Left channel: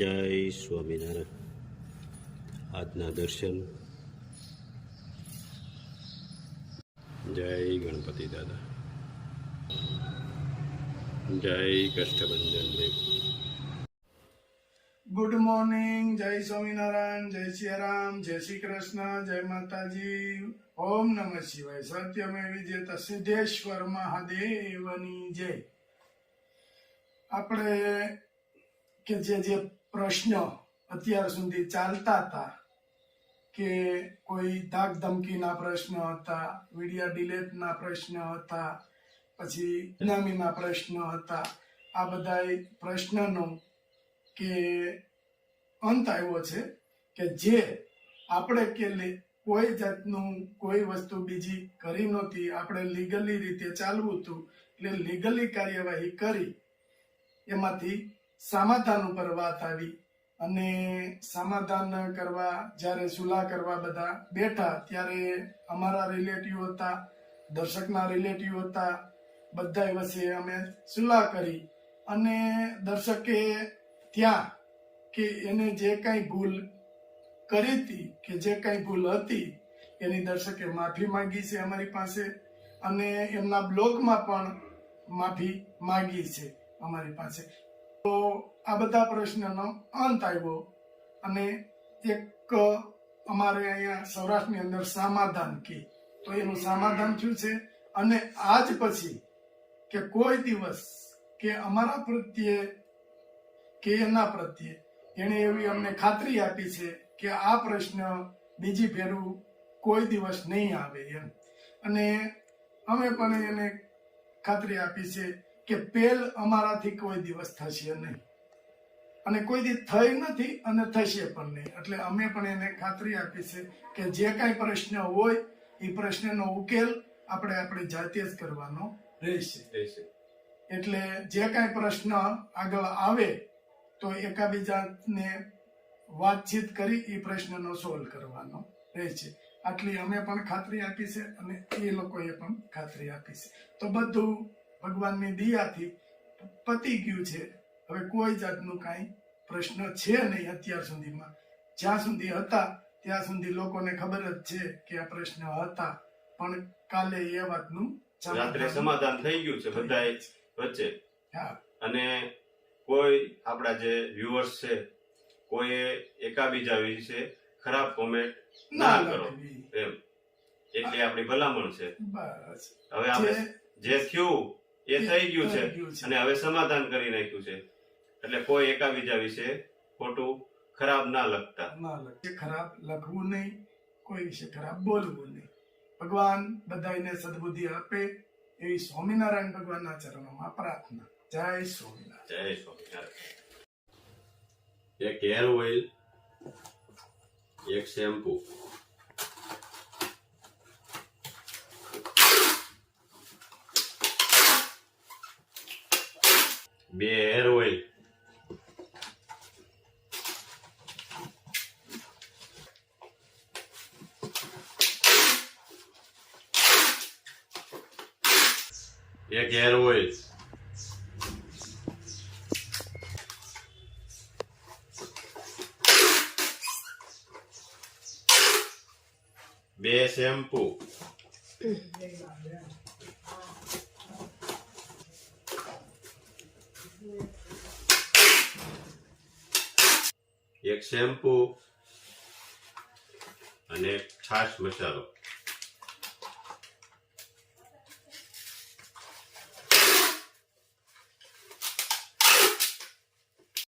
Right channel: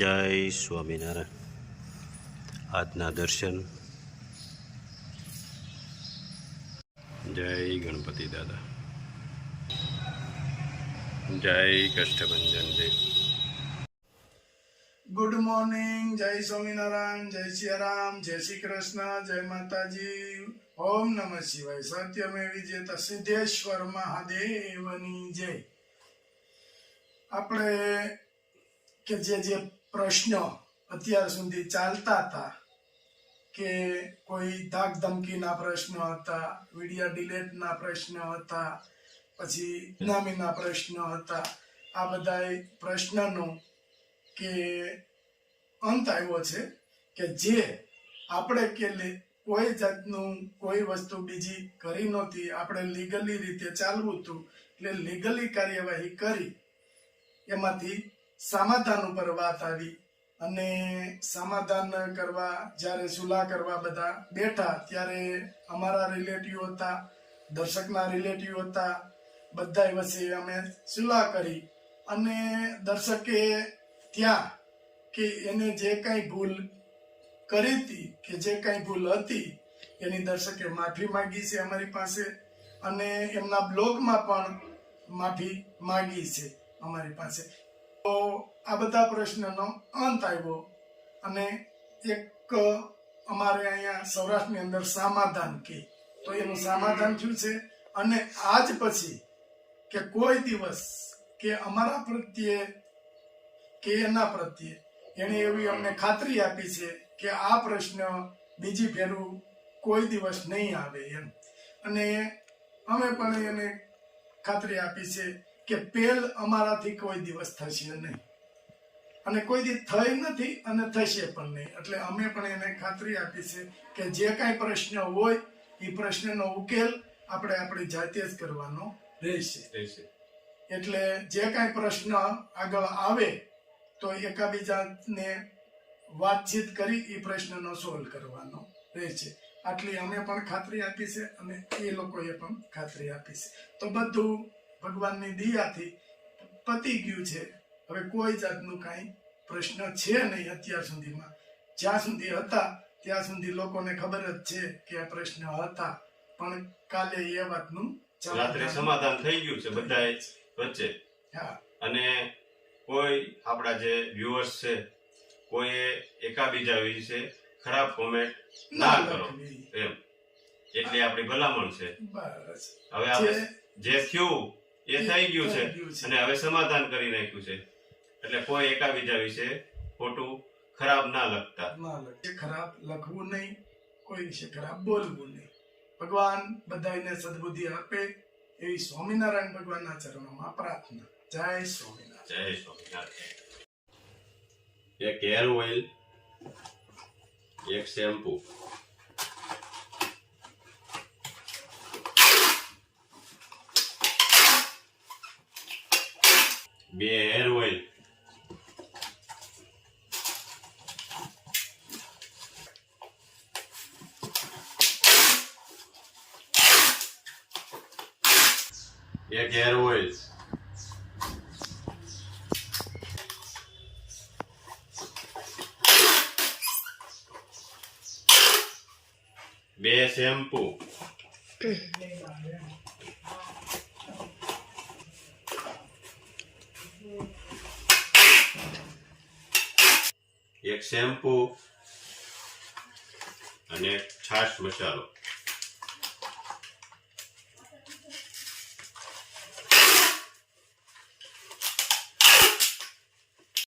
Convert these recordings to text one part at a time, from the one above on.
જય સ્વામિનારાયણ. આજના દર્શન. જય ગણપતિ દાદા. જય કષ્ટભંજન દેવ. Good morning. જય સ્વામિનારાયણ. જય સિયારામ. જય શ્રી કૃષ્ણ. જય માતાજી. ઓમ નમઃ શિવાય. સત્યમેવ વિજેતા સિદ્ધેશ્વર મહાદેવની જય. આપણે કે જે પ્રશ્નો અત્યાર સુધી ચાલતા હતા કે કોઈ ધાક ધમકીના પ્રશ્નો હતા, વિડિયા ડિલેટના પ્રશ્નો હતા, પછી ઇનામીના પ્રશ્નો હતા, આ બધા પ્રશ્નનો કે અંત આવ્યો છે કે જે આપણે કે કોઈ જાતનું કોઈ વસ્તુ બીજી કરી નહોતી, આપણે લીગલી રીતે ચાલવું હતું, એટલે લીગલી કાર્યવાહી કરી એમાંથી સમાધાન ઉપર વાત આવી. અને સમાધાન કરવા જ્યારે સુલા કરવા બધા બેઠા ત્યારે અમારા રિલેટિવ હતા, દર્શકના રિલેટિવ હતા, બધા વચ્ચે અમે સુલા કરી અને દર્શકે ત્યાં કે એને જે કંઈ ભૂલ કરી હતી કે જે કંઈ ભૂલ હતી એની દર્શકે માફી માંગી છે અમારી પાસે, અને એમના બ્લોગમાં પણ માફી માંગી છે અમારી પાસે. તો આ બધા પ્રશ્નનો અંત આવ્યો અને એક અમારે અહીંયા સૌરાષ્ટ્રની અંદર સમાધાન કે તો એનું સમાધાન થયું છે. અને આજ પછી કે કોઈ દિવસ કે અમારા પ્રત્યે કે એના પ્રત્યે એને એવી અમને ખાતરી આપી છે કે આ પ્રશ્ન બીજી ફેરું કોઈ દિવસ નહીં આવે એમ. અને અમે પણ એને ખાતરી આપી છે કે પેલ અમારાથી કોઈ દિવસ થશે નહીં, અને કોઈ દી થઈ નથી અને થશે પણ નહીં. એટલે અમે પણ એને ખાતરી આપી છે કે જે કાંઈ પ્રશ્ન હોય એ પ્રશ્નનો ઉકેલ આપણે આપણી જાતે જ કરવાનો રહેશે. એટલે જે કાંઈ પ્રશ્ન આગળ આવે તો એકાબીજાને વાતચીત કરી એ પ્રશ્નનો સોલ્વ કરવાનો રહેશે. આટલી અમે પણ ખાતરી આપી છે અને એ લોકોએ પણ ખાતરી આપી છે. તો બધું ભગવાનની દયાથી પતી ગયું છે. હવે કોઈ જાતનું કાંઈ પ્રશ્ન છે નહીં અત્યાર સુધીમાં. જ્યાં સુધી હતા ત્યાં સુધી લોકોને ખબર જ છે કે આ પ્રશ્ન હતા, પણ કાલે એ વાતનું રાત્રે સમાધાન થઈ ગયું છે બધા વચ્ચે. અને કોઈ આપણા જે વ્યુઅર્સ છે કોઈ એકાબીજા વિશે ખરાબ કોમેન્ટ ના કરો એમ, એટલે આપણી ભલામણ છે. હવે આપણે જે થયું એ થઈ ગયું છે અને હવે સમાધાન કરી નાખ્યું છે, એટલે કોઈ એકાબીજા વિશે ખોટું ખરાબ ના લખતા. ખરાબ લખવું નહીં, કોઈ વિશે ખરાબ બોલવું નહીં. ભગવાન બધાને સદબુદ્ધિ આપે એવી સ્વામિનારાયણ ભગવાનના ચરણોમાં પ્રાર્થના. જય સ્વામિનારાયણ. જય સ્વામિનારાયણ. એક હેર ઓઇલ, એક શેમ્પુ, બે હેર ઓઇલ, એક હેર ઓઇલ, બે શેમ્પુ, એક શેમ્પુ અને છાશ મસાલો.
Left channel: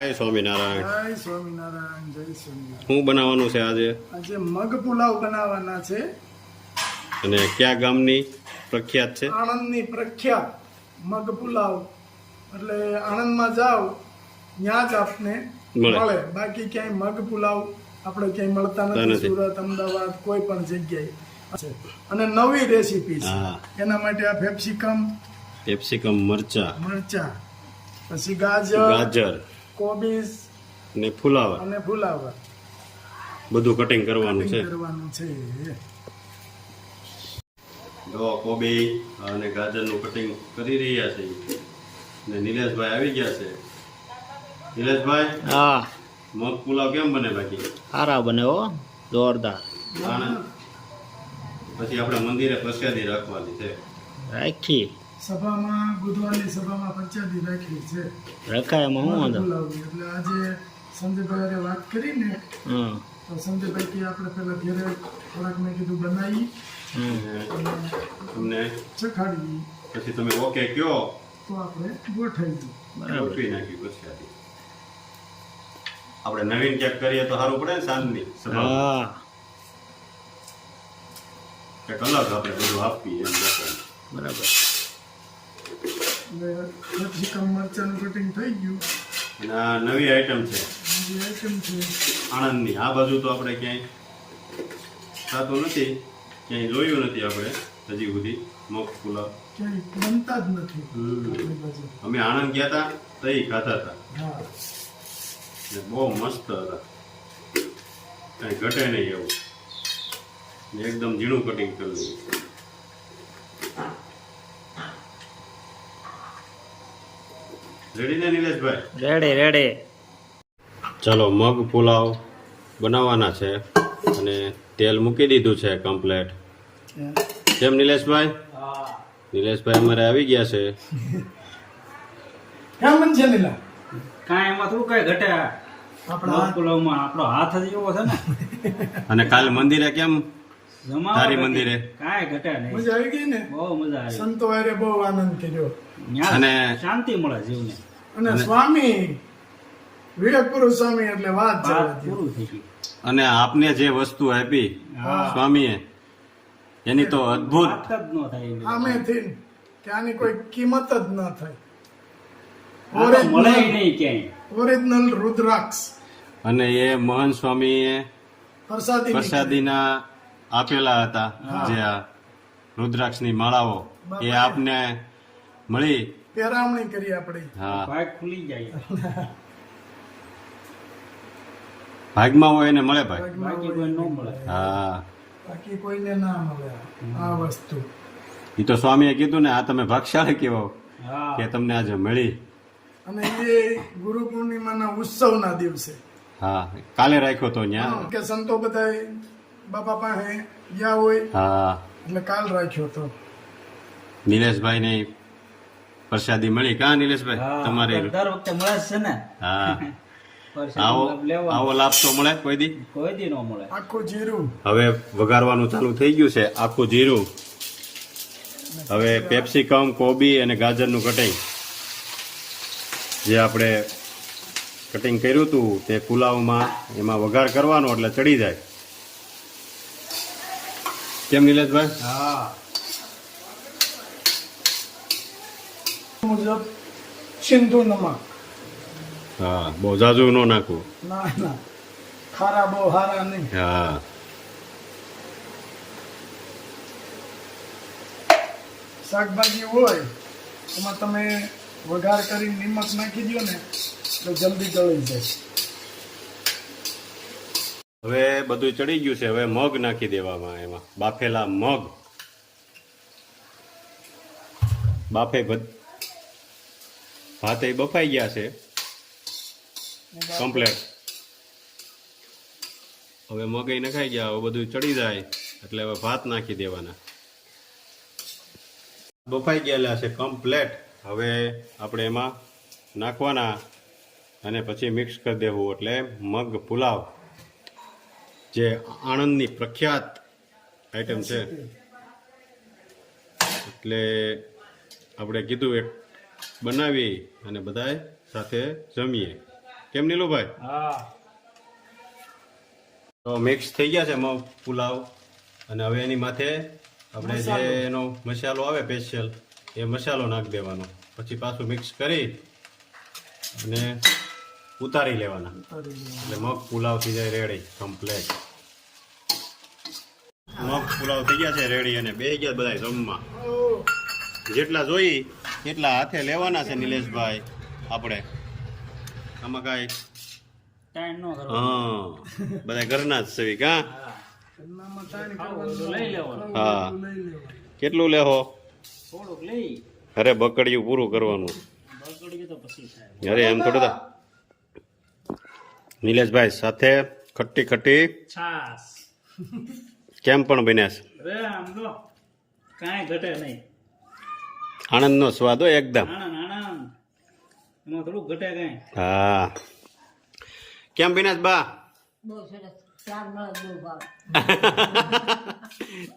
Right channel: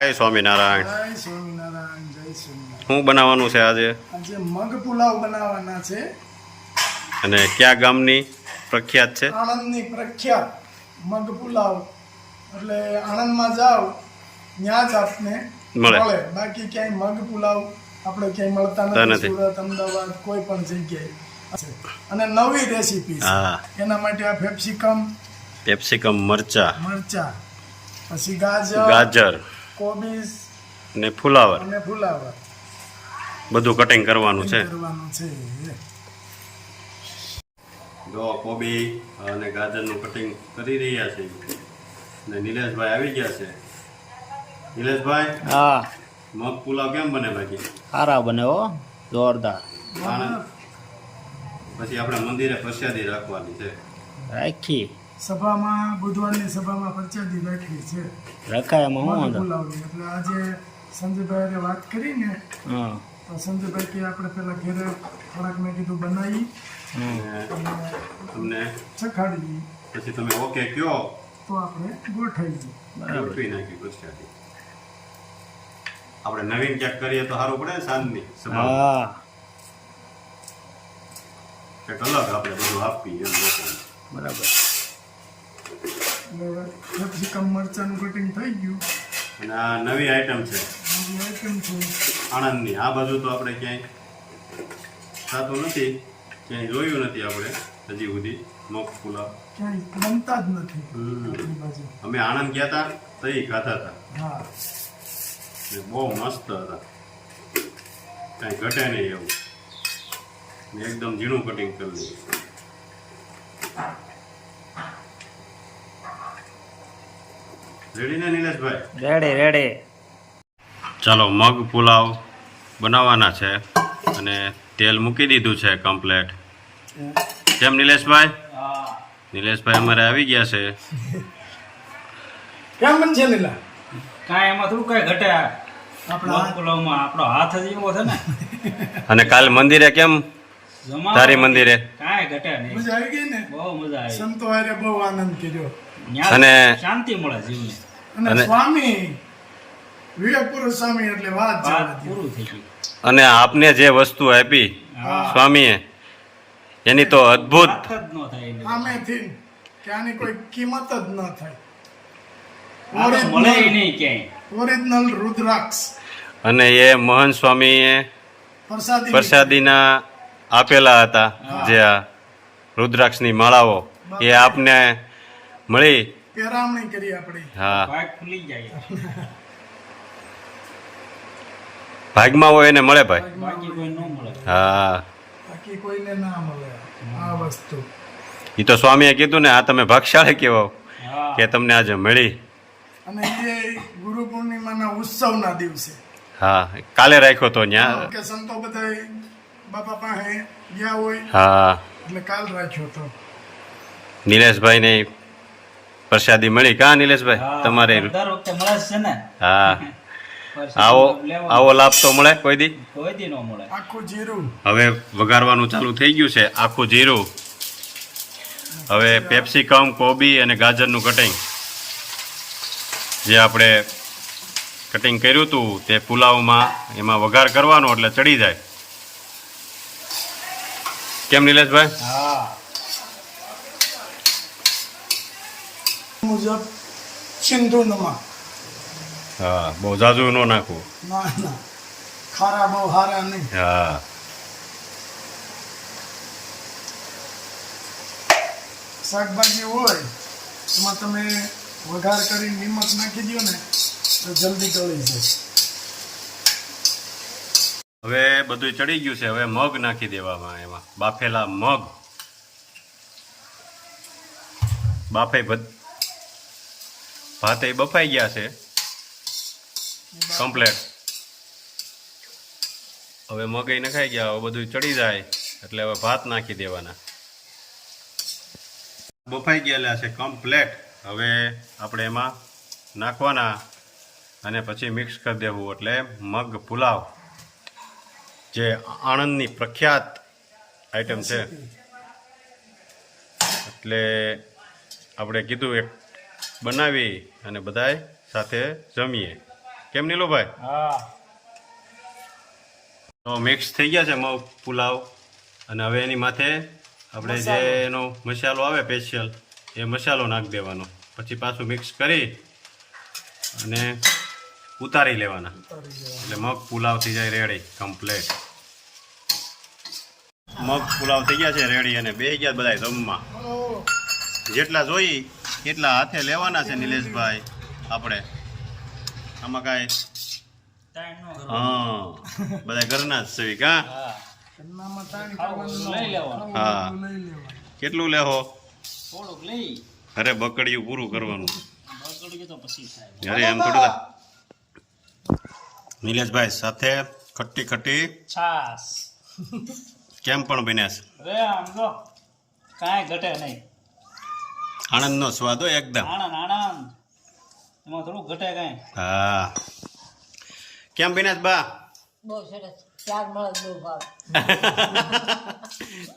જય સ્વામિનારાયણ. જય સ્વામિનારાયણ. જય સ્વામિનારાયણ. શું બનાવવાનું છે આજે? આજે મગ પુલાવ બનાવવાના છે. અને કયા ગામની પ્રખ્યાત છે? આણંદની પ્રખ્યાત મગ પુલાવ. એટલે આણંદમાં જાવ ત્યાં જ આપને મળે, બાકી ક્યાંય મગ પુલાવ આપણે ક્યાંય મળતા નથી. સુરત, અમદાવાદ કોઈ પણ જગ્યાએ. અને નવી રેસીપી છે એના માટે આ પેપ્સિકમ મરચા, પછી ગાજર, કોબીજ ને ફુલાવર બધું કટિંગ કરવાનું છે. જો કોબી અને ગાજરનું કટિંગ કરી રહ્યા છે ને નિલેશભાઈ આવી ગયા છે. નિલેશભાઈ, હા, મગ પુલાવ કેમ બને બાકી? સારા બને હો, જોરદાર. પછી આપણે મંદિરે પ્રસાદી રાખવાની છે. રાખી સભામાં બુધવારની સભામાં પ્રચાદી રાખી છે રખાય એમાં શું વાંધો? બોલાવી એટલે આજે સંજયભાઈ વાત કરીને હા તો સંજયભાઈ કે આપણે પેલા ઘરે થોડાક મેં કીધું બનાવી અને તમને ચખાડી પછી તમે ઓકે કયો તો આપણે ગોઠવી બરાબર. ગોઠવી નાખી પ્રસાદી. આપણે નવીન ક્યાંક કરીએ તો સારું પડે ને સાંજની સભામાં. હા કંઈક અલગ આપણે બધું આપીએ એમ લોકોને. બરાબર. એટલે કેપ્સિકમ મરચાનું કટિંગ થઈ ગયું અને આ નવી આઈટમ છે નવી આઈટમ છે આણંદની. આ બાજુ તો આપણે ક્યાંય થતું નથી, ક્યાંય જોયું નથી આપણે હજી સુધી મગ પુલાવ. ક્યાંય બનતા જ નથી હમ. આપણી બાજુ અમે આણંદ ગયા હતા તો એ ખાતા હતા, હા એ બહુ મસ્ત હતા, કાંઈ ઘટે નહીં એવું. ને એકદમ ઝીણું કટિંગ કરી દઈએ. રેડી ને નિલેશભાઈ? Ready ready. ચાલો મગ પુલાવ બનાવવાના છે અને તેલ મૂકી દીધું છે કમ્પ્લેટ. કેમ નિલેશભાઈ? નિલેશભાઈ અમારે આવી ગયા છે. કેમ બનશે નીલા કાંઈ એમાં થોડું કાંઈ ઘટે. આપણા મગ પુલાવમાં આપણો હાથ જ એવો છે ને. અને કાલ મંદિરે કેમ? જમાવટ તારી મંદિરે? કાંઈ ઘટે નહીં. મજા આવી ગઈ ને બહુ મજા આવી. સંતો હારે બહુ આનંદ કર્યો ન્યા અને- શાંતિ મળે જીવને. અને સ્વામી વીરપુરુષ સ્વામી એટલે વાત વાત ચાલે પૂરું થઈ ગયું. અને આપને જે વસ્તુ આપી સ્વામીએ એની તો અદ્ભુત. વાત જ ન થાય એની. આમેથી કે આની કોઈ કિંમત જ ન થાય આ તો મળે ય નહીં ક્યાંય. ઓરિજિનલ રુદ્રાક્ષ અને એ મોહન સ્વામીએ પ્રસાદી પ્રસાદીના આપેલા હતા જે આ રુદ્રાક્ષની માળાઓ એ આપને મળી. પેરામણી કરી આપણી હા, ભાગ ખુલી જાય. ભાગમાં હોય એને મળે ભાઈ. બાકી કોઈ ન મળે. હા, બાકી કોઈને ના મળે આ વસ્તુ એ તો સ્વામીએ કીધું ને આ તમે ભાગશાળી કહેવાઓ હા કે તમને આજે મળી. અને એ ગુરુ પૂર્ણિમાના ઉત્સવના દિવસે હા, કાલે રાખ્યો તો ન્યા. કે સંતો બધા બાપા પાસે ગયા હોય હા, એટલે કાલ રાખ્યો તો નિલેશભાઈ ને પ્રસાદી મળી. કા નિલેશભાઈ હા, તમારે? દર વખતે મળે જ છે ને. હા, પરસાદી આવો લેવાનો. આવો લાભ તો મળે કોઈ દી. કોઈ દી ન મળે. આખું જીરું હવે વઘારવાનું ચાલુ થઈ ગયું છે આખું જીરું. હવે પેપ્સિકમ, કોબી અને ગાજરનું કટિંગ જે આપણે કટિંગ કર્યું હતું તે પુલાવમાં એમાં વઘાર કરવાનો એટલે ચડી જાય. કેમ નિલેશભાઈ? હા મુજબ સિંધુ નમક હા, બહુ ઝાઝુ ન નાખવું. ના ના ખારા બહુ હારા નહીં હા, શાકભાજી હોય એમાં તમે વઘાર કરી નિમક નાખી દો ને તો જલ્દી ગળી જાય હવે બધું ચડી ગયું છે. હવે મગ નાખી દેવામાં એમાં. બાફેલા મગ ભાતે બફાઈ ગયા છે કમ્પ્લેટ. હવે મગઈ નખાઈ ગયા. હવે બધું ચડી જાય એટલે હવે ભાત નાખી દેવાના. બફાઈ ગયેલા છે કમ્પ્લેટ. હવે આપણે એમાં નાખવાના અને પછી મિક્સ કરી દેવું એટલે મગ પુલાવ જે આણંદની પ્રખ્યાત આઈટમ છે. એટલે આપણે કીધું એક બનાવી અને બધાય સાથે જમીએ. કેમ નીલુભાઈ? હા તો મિક્સ થઈ ગયા છે મગ પુલાવ. અને હવે એની માથે આપણે જે એનો મસાલો આવે સ્પેશિયલ એ મસાલો નાખી દેવાનો. પછી પાછું મિક્સ કરી અને ઉતારી લેવાના એટલે મગ પુલાવ થઈ જાય રેડી કમ્પ્લેટ. મગ પુલાવ થઈ ગયા છે રેડી અને બે ગયા બધા જમવા. જેટલા જોઈ એટલા હાથે લેવાના છે નિલેશભાઈ આપણે. આમાં કાંઈ ટાઈમ ન કરો. હા, બધા ઘરના જ છે કા? હા એનામાં તારી ખાવું એટલું લઈ લેવાનું. હા, લઈ લેવાનું કેટલું લેહો? થોડુંક લઈ અરે બકડિયું પૂરું કરવાનું. બગડ્યું તો પછી થાય. અરે એમ થોડું થાય. નિલેશભાઈ સાથે ખટ્ટી ખટ્ટી છાસ કેમ પણ બન્યા છે અરે આમ તો કાંઈ ઘટે નહીં. આણંદનો સ્વાદ હોય એકદમ. આનંદ આનંદ એમાં થોડું ઘટે કાંઈ. હા કેમ બન્યા છે બા? બહુ સરસ. ચાર મળે બહુ ભાવે.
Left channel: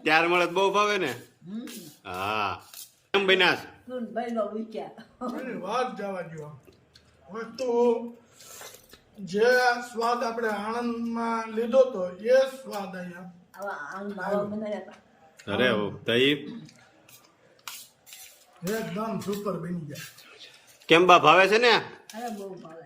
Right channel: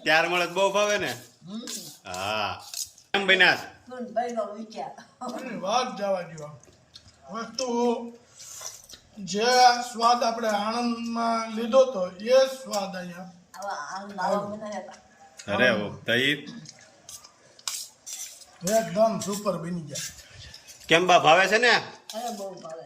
ત્યાર મળે તો બહુ ભાવે ને. હા કેમ બન્યા છે? તું ભાઈનો વિચાર. એની વાત જવા દો. વસ્તુ જે સ્વાદ આપણે આણંદમાં લીધો તો એ સ્વાદ અહીંયા આવા આવા બનાવ્યા હતા. અરે દહીં એકદમ સુપર બની ગયા. કેમ બા ભાવે છે ને? અરે બહુ ભાવે.